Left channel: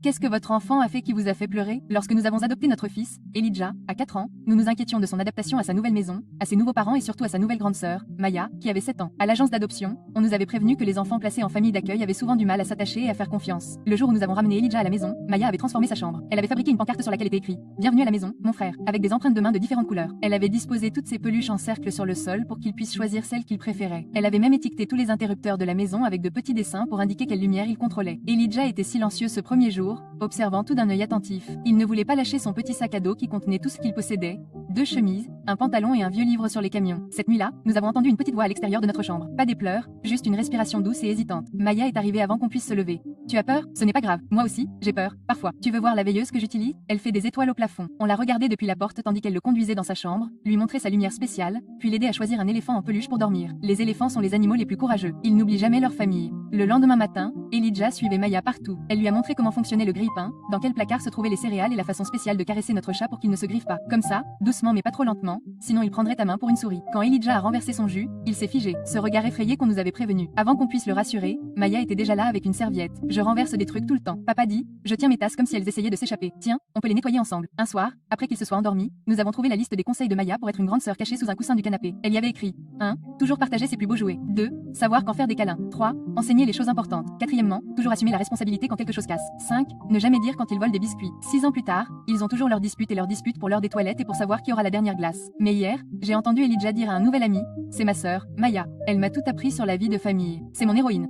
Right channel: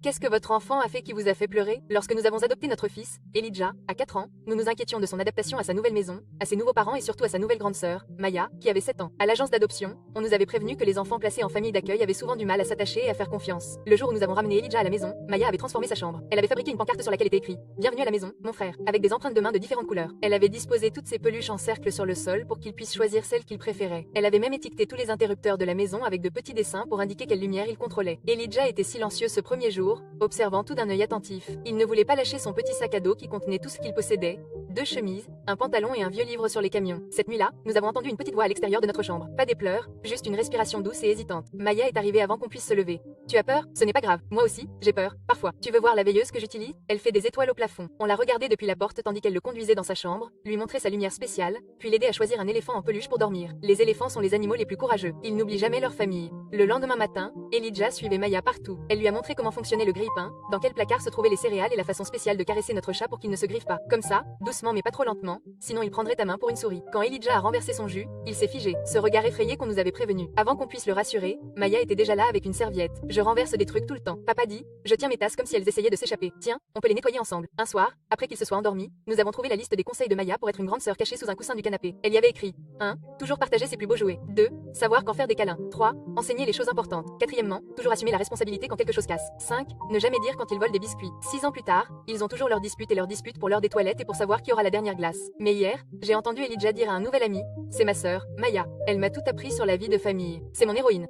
Qu'est-ce que votre enfant a fait qui vous a fait pleurer? Lorsque nous avons adopté notre fils, Elijah, à 4 ans, nous nous inquiétions de son adaptation à sa nouvelle maison, à ses nouveaux parents et surtout à sa nouvelle grande sœur, Maya, qui avait 7 ans. À l'agence d'adoption, on nous avait prévenu que les enfants placés en famille d'accueil avaient souvent du mal à s'attacher et à faire confiance. Le jour où nous avons ramené Elijah à la maison, Maya avait transformé sa chambre. Elle avait fabriqué une pancarte sur laquelle était écrit "Bienvenue à la maison, mon frère", avec des empreintes de mains de différentes couleurs. Elle avait disposé toutes ses peluches en cercle sur le sol pour qu'il puisse choisir celle qu'il préférait. Elle avait même étiqueté tous les interrupteurs de la maison avec de petits dessins pour indiquer quelle lumière il contrôlait. Elijah était silencieux ce premier jour, observant tout d'un œil attentif. Il ne voulait pas lâcher son petit sac à dos qui contenait tout ce qu'il possédait, 2 chemises, un pantalon et un vieux livre sur les camions. Cette nuit-là, nous avons entendu une petite voix à l'extérieur de notre chambre. Pas des pleurs, juste une respiration douce et hésitante. Maya est arrivée avant qu'on puisse se lever. Tu as peur? Ce n'est pas grave. Moi aussi, j'ai peur. Parfois. Tu veux voir la veilleuse que j'utilise? Elle fait des étoiles au plafond. On l'a regardée depuis la porte tandis qu'elle le conduisait dans sa chambre, lui montrait sa lumière spéciale, puis l'aider à choisir un éléphant en peluche pour dormir. Les éléphants sont les animaux les plus courageux. Ils n'oublient jamais leur famille. Le lendemain matin, Elijah suivait Maya partout. Elle lui a montré comment fonctionnait le grille-pain, dans quel placard se trouvaient les céréales et la façon spéciale de caresser notre chat pour qu'il ne se griffe pas. Comme ça, doucement mais pas trop lentement, sinon il prendrait ta main pour une souris. Quand Elijah a renversé son jus, il s'est figé, ce regard effrayé qu'on nous avait prévenu. Avant qu'on puisse le rassurer, Maya était déjà là avec une serviette. Je renverse des trucs tout le temps. Papa dit, je tiens mes tasses comme si elles essayaient de s'échapper. Tiens, on peut les nettoyer ensemble. Un soir, après qu'il se soit endormi, nous avons trouvé la liste des conseils de Maya pour être une grande sœur cachée sous un coussin du canapé. Elle y avait écrit 1. Toujours partager ses plus beaux jouets. 2. Savoir quand faire des câlins. 3. Enseigner les choses importantes. 4. Toujours assumer la responsabilité quand quelque chose casse. 5. Ne jamais dire quand ils volent des biscuits. 6 ans plus tard, ils ont toujours leurs disputes pour l'heure des toilettes et pour savoir qui aura la dernière glace. Mais hier, j'ai entendu Elijah dire à un nouvel ami, c'est ma sœur, Maya. Elle m'a tout appris sur la vie de famille. C'est mon héroïne.